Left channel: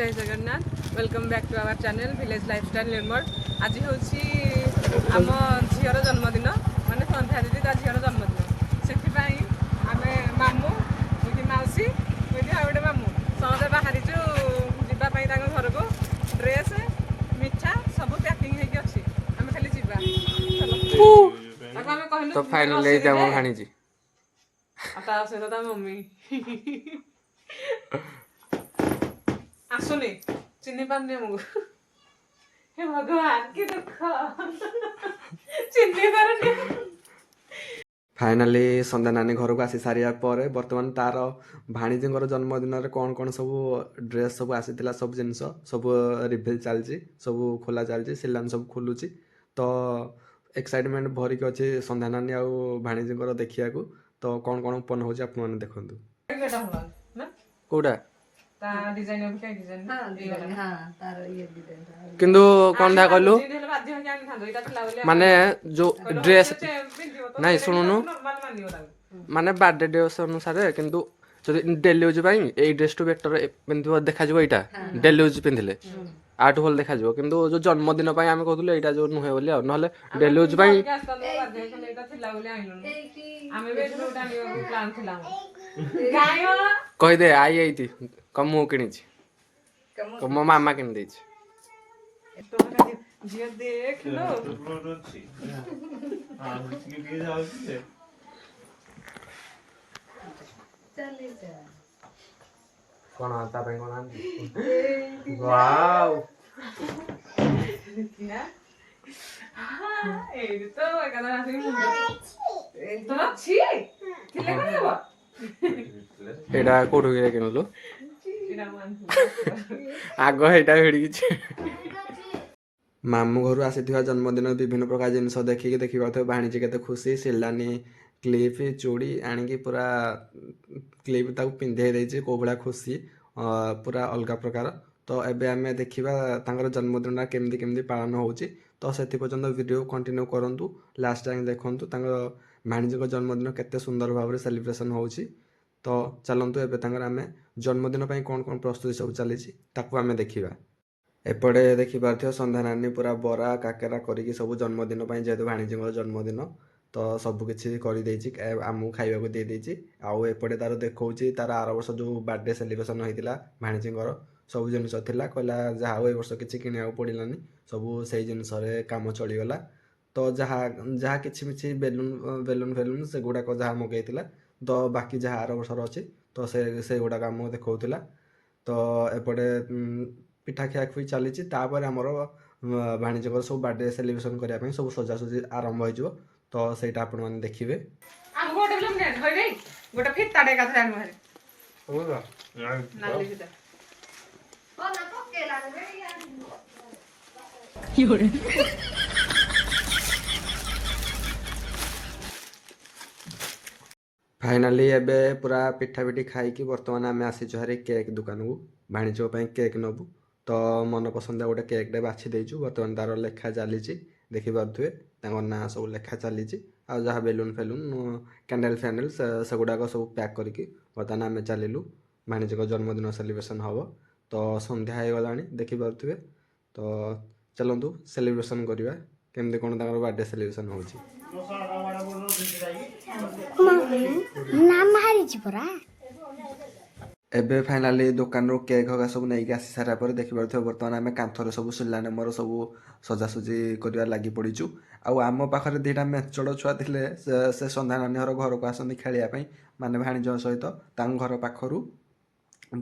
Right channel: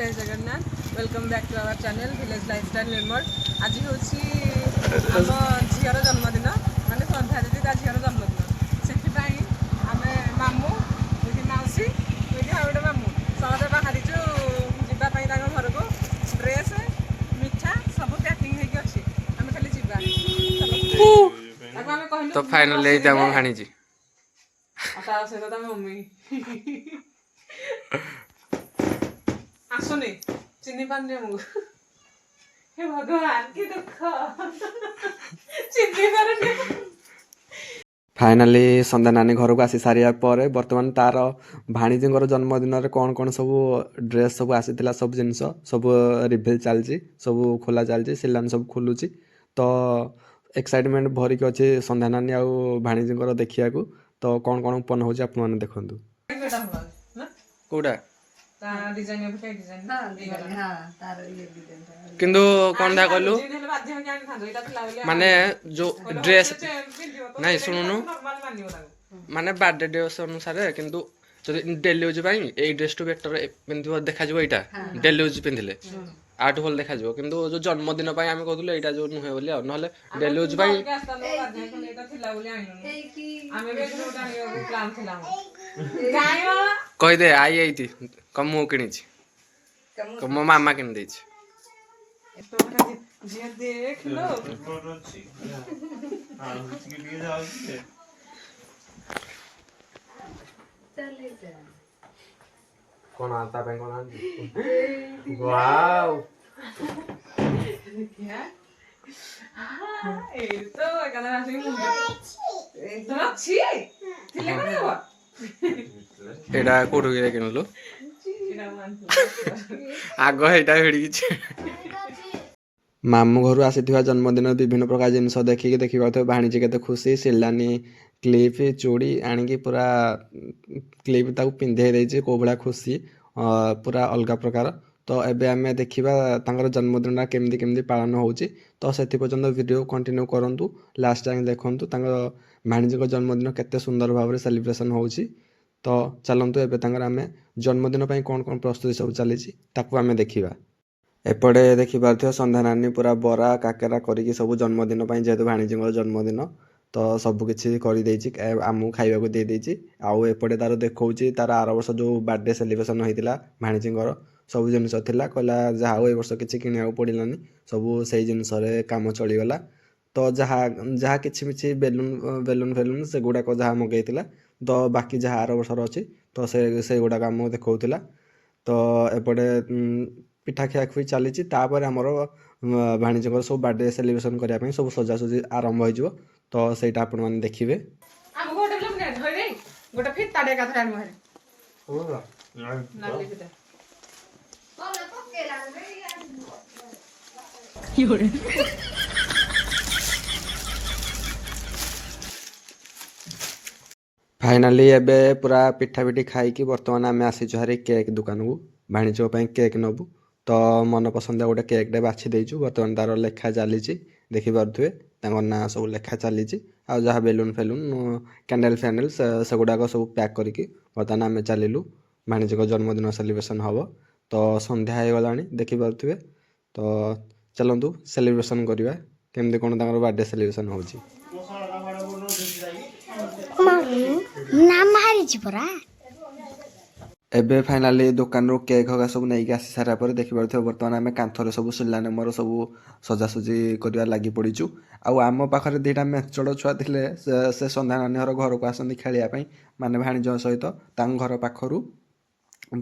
जय Jagannath welcome back to our channel village lifestyle मेमोर। आज हूँ आम झीर जन्मदिन माने संध्या दीदी ता झीर जन्मदिन से आम मामू मौसी गोटे मामू समझे बाहरी जावाई घर को ड्रेस मिठा सब पैकिंग अच्छी आम खाली जा तो फाइनली भाणी सहित मम्मी आसुनी चिन्ह पानी आमको हे भगवान की दुख चिन्ह पारे फाइनाली संध्या नानी घर को आसी सारिया पर बर्तमान तार भाणीजी जन्मदिन कौन कौन सब ड्रेस सब आसी सब जिनस सब रिभिल चलती सब खोला चलती सिलान सब खोलुची तो एक्साइटमेंट भरिक अच्छे संध्या नानी आउ भाणीजी देखिया तो कौन कौन ओपन हो आप देखु कौटा किंतु कौन धा कहलु माने जो ड्रेस नहीं शुणुनु माने बर्थडे ड्रेस अनुसार किंतु डेली यूज ए ड्रेस टू बेटर पिंधिबो देखा जिवो एटा डेली यूज पिंधिले आठ भल देखा जिवो किंतु जो जन्मदिन पय आमे कहथुले एटा जो नुहे बोली नहले डेली यूज पय कह दे आई आई कम मु किनी मो मामा किन देछि देख लो कौन आता पे कौन आंदी वाओ क्या ए तो एकला आसी मुंडा तो अच्छी थिले कोन एडा कोठु गे किनलु आग हेटा हेडी मामू घर आसी जन्मदिन विभिन्न प्रकार जिनस देखिए देखिए भाणीजी केते खुशी सिलानी क्लिप चूड़ी आणिकी पूरा क्लिप ताकू पिंधे देछि को बड़ा खुशी पूरा अलग प्रकार तो एबे आमे देखिबा तांकर जन्मदिन केमदी केमदी पालन होउची तो सेति पर्यंत वीडियो कंटिन्यू करंतु लास्ट टाइम देखंतु तांकर भाणीजी जन्मदिन केते सुंदर भाव सेलिब्रेशन होउची तो चलंतु एबे तांकर आमे जन्मदिन पई कोन कोन प्रस्तुति सब चलीची ताकू आमे देखिबा एपटे देखिपार संध्या नानी पूरा बरा काकेरा करिकी सब जन्मदिन जेहेतु भाणीजी जन्मदिन तो सबकि कर आमू खाइबा दे देछि आउ एपटे तार देखौछि तार आर वर्ष जो बर्थडे सेलिब्रेशन होइतिला भाणीजी सब जिनस थिला कहला जहा ए वर्ष किछि किनिया पड़िलानी सब से जिनस काम चलीगला तो जहा जहा किछि मिछि बेलून बेलून फेलून से गुड़ाक जहा मगैतिला तो बाकी जहा आर वर्ष अच्छी तो से गुड़ाक आम देखौतिला तो एपटे पिठा खिया खुई चली आमर भाणीजी सब बर्थडे सेलिब्रेशन करने सब सजासजी आरंभ हो तो सेटा आपण माने देखिबे हम गोटे फिल्म ने धइ दे गोटे फिताडे का थरानी मारे होगा नाली फिता बोला पकेला रे योरे फाइनाली एबे पूरा पिठा पिठी खाई कि वर्तमान आम आसी हारी केक दुकान को भाणीजी केक नबू तो मन पसंद गोटे केक टे बाछि देइछु वर्तमान तार लेखा चली देखि पारुथ्वे ना सब लेखा चली आ जहाँ बेलून फेलून कैंडल फैंडल से गुड़ाक सब पैक करके बर्तमान आम चलू भाणीजी जन्मदिन सेलिब्रेशन हम तो संध्या हो गला देखि पारुथ्वे तो चलतु सेलिब्रेशन करवा केमती कौन बर्थडे सेलिब्रेशन होची एबे फाइनाली दुकान रो केक होगा सब नहीं आसी सारा पर देखि पारुथ्वे बर्तमान आम कांथरे सब सिलाने मोर सब सजासजी करवा लगी पड़ीचु आम पाखे दुटा मेचड़ छुआ थे से संध्या नानी घर को आसती खेलिया माने भाणीज सहित घर पाखरु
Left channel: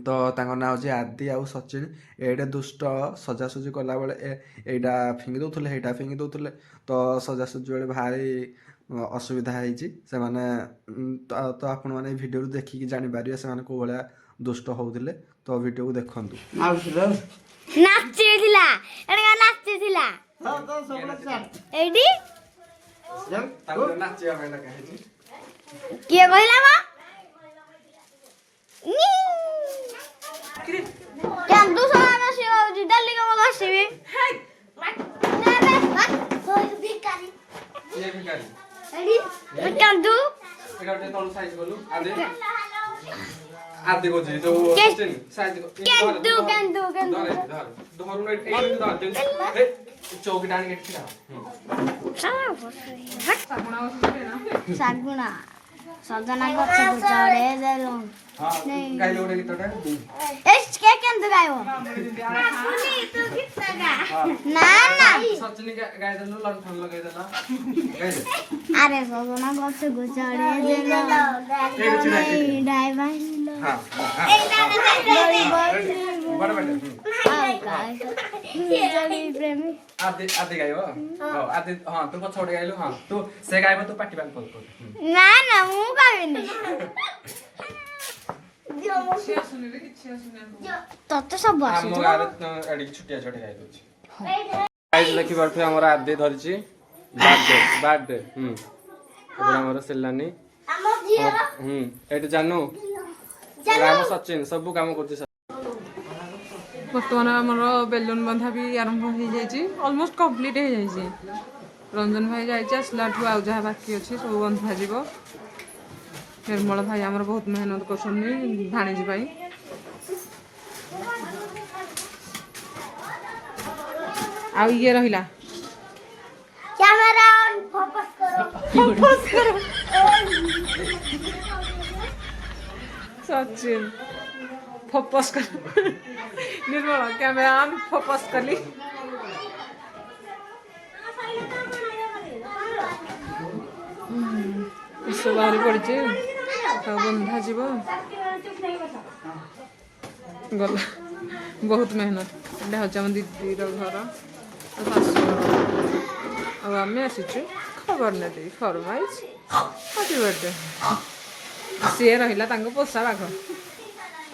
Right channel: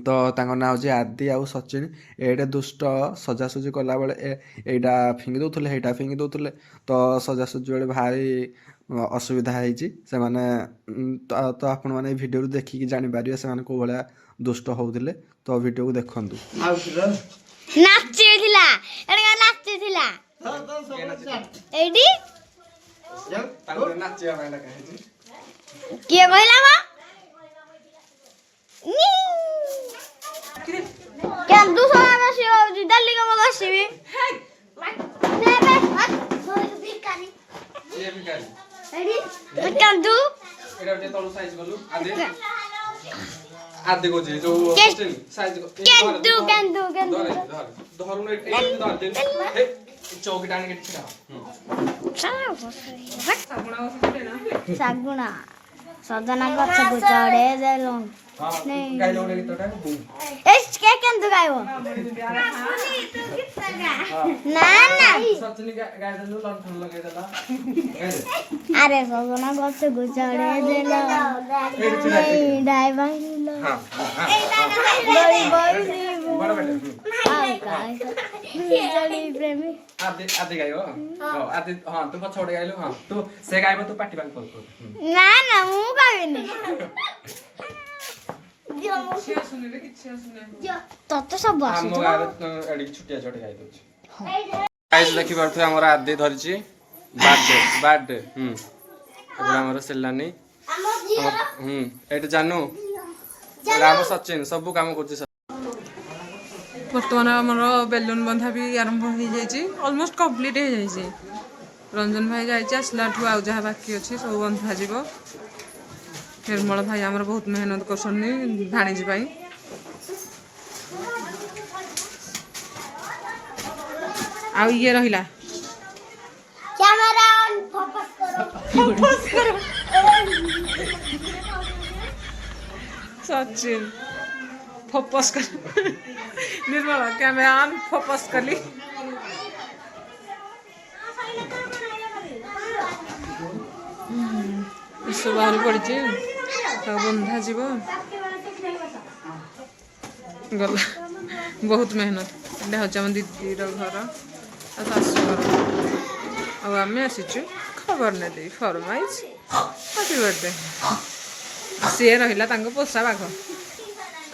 तो ना हूँ आदि आउ सचिन एडे दुष्ट सजासजी कला बेले एटा फिंगी दौले हेटा फिंगी दौले तो सजासजी बेले भारी असुविधा होती से माने तो आपण मैंने वीडियो देखिकी जापर से कौ भाया दुष्ट होते तो वीडियो को देखु किए कहला मा क्या तू सोना बस दिल्ली को बस भी क्या तू एटा तळु साइज गलु आदे आदि को जो साइज को केंदू केंदू केंदू धर धर चौकी डाणी के सागुना सजना गछ को चढ़े देलो गाइलो रे गीतटा एस के केंदू गाइबो ना ना सचनी गाइ देलो लंठन लगाइ देला गाइ दे अरे सजना गछ को चढ़े देलो डाई बाइलो हां बड़ी बड़ी बड़ा बेटा आओ काय जली प्रेमी आदि आदि गाइयो हां आदि हां तू पछोड़ गाइलो हां तू से गाइबो तू पार्टी बांग कर ना ना मु गाइबिनी तत सब हम गाइले एडी छुटिया छोटे गाइ दछ गाइस लखी परथे हमर आदि धरिची बर्थडे एबरा हमर सेलानी एटे जानू राम सचिन सब काम करछ बर्तमान आमर बेलून बंधा भी आरंभ हो जाइए ऑलमोस्ट कंप्लीट हो जाइए रंजन भाई जाइए आसला ठू आउ जहाँ बाकी अच्छे सब बंधा जीव निर्मल भाई आमर बहुत मेहनत कर भाणीजी आउ ये रहिला कैमरा ऑन फोकस करो सचिन फोकस कर निर्मल कैमरा ऑन फोकस करली सब बाहरी पड़ी बंधा जीव गला बहुत मेहनत एटा हूँ आम दीदीर घर शाशु घर आम आसीचु खबर ने दे फरमाइज हैप्पी बर्थडे सी रहा पोषा बाघ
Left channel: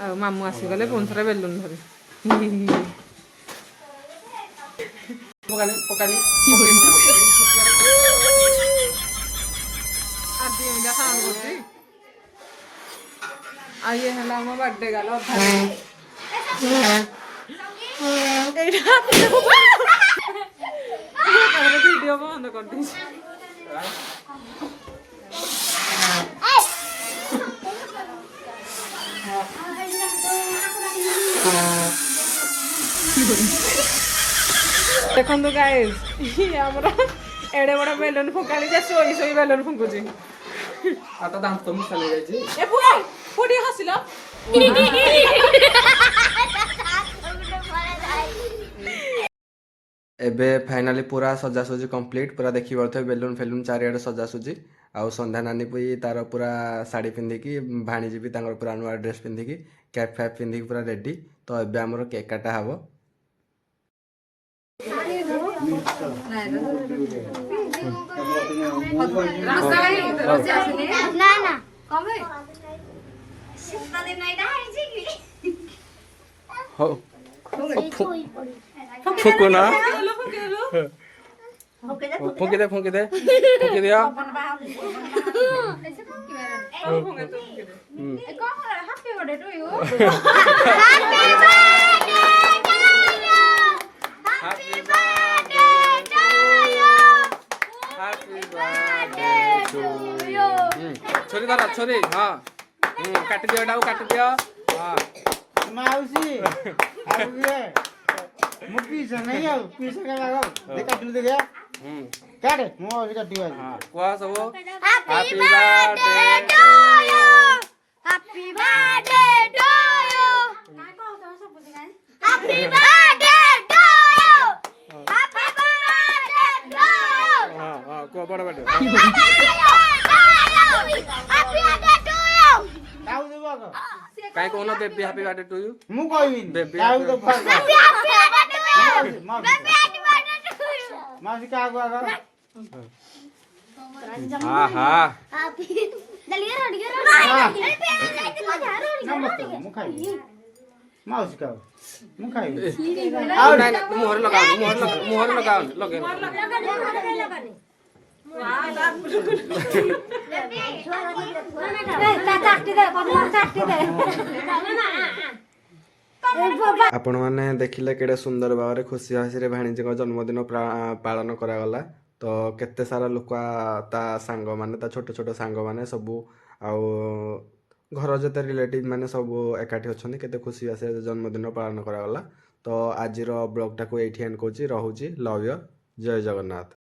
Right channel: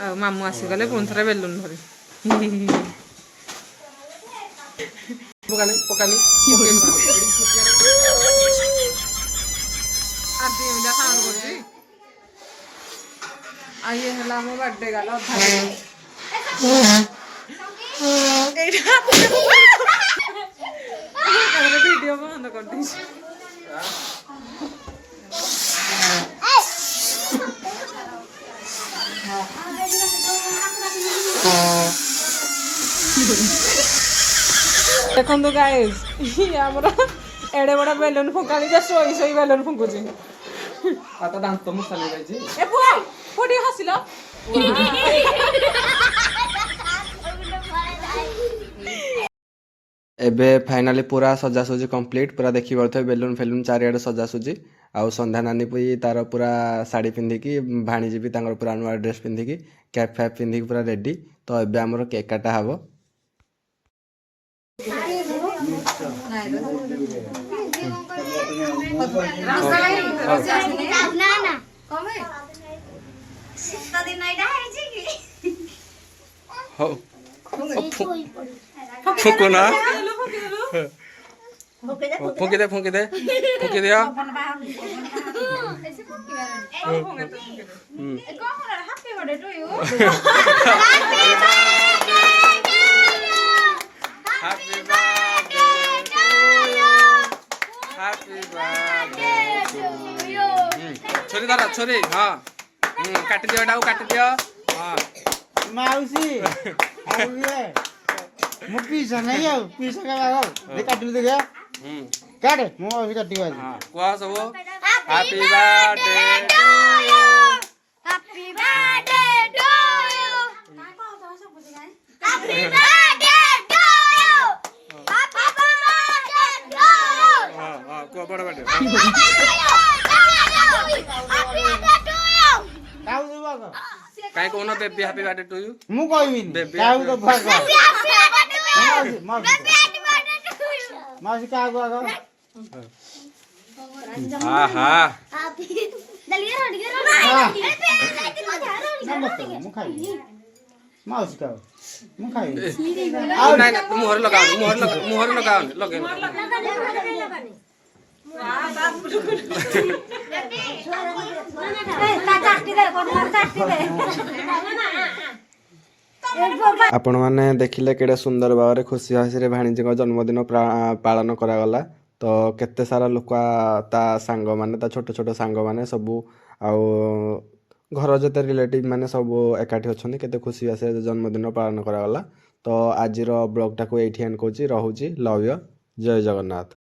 आ मामू आसीगले पुणी थे बेलून धरी आदि एटा साउंड कर ये है मो बर्थडे गाला वीडियो बंद कर दी देखो गाइस एड़े बड़ा बेलून फुकाणी शोई शोई बेलून फुकुची आता दांत मुसाले जायची ए पुआ कोडी हसिलो एबे फाइनाली पूरा सजासुजी कंप्लीट पूरा देखि परथे बेलून फेलून चारियाडे सजासुजी आउ संध्या नानी पई तार पूरा साड़ी पिंधिकी भाणीजी भी तांगर पूरा नुआ ड्रेस पिंधिकी कैप फैप पिंधिकी पूरा रेडी तो एबे हमर केक काटा हबो ना ना कमे सित्ता दिन एटा है कि हो फुको ना फुकी दे दिया छोरी धर छोरी हाँ काट दियो डाउ काट दियो हाँ माउसी मु पीछे नहीं आउ पीछे का लागो देखा दू दे गया काट मु माउसी काटी गया हां कोआ सब happy birthday to you happy birthday to you happy birthday to you happy birthday to you हां हां कोआ बड़ा birthday happy birthday to you काउ दे बाको काई कोनो baby happy birthday to you मु कहबिनी बेबी काउ तो फर माउसी का आगो आगो हां हां दलिया रोड के नमस्ते मु खाई माउसी का मु खाई आ नहीं नहीं मुहर लगाओ मुहर लगाओ लगे आपण मैंने देखिले केड़े सुंदर भाव में खुशी हसी भाणीजी जन्मदिन पालन करागला तो केते सारा लोक ता सांग माने ता छोट छोट सांग माने सबू आउ ଘର ଯେତେ ରିଲେଟିଭ୍ ମାନେ ସବୁ ଏକାଠି ଅଛନ୍ତି କେତେ ଖୁସି ବାସିରେ ଜନ୍ମଦିନ ପାଳନ କରାଗଲା। ତ ଆଜିର ବ୍ଲଗ୍ଟାକୁ ଏଇଠି ଏଣ୍ଡ କରୁଛି, ରହୁଛି, ଲଭ୍ ୟୁ, ଜୟ ଜଗନ୍ନାଥ।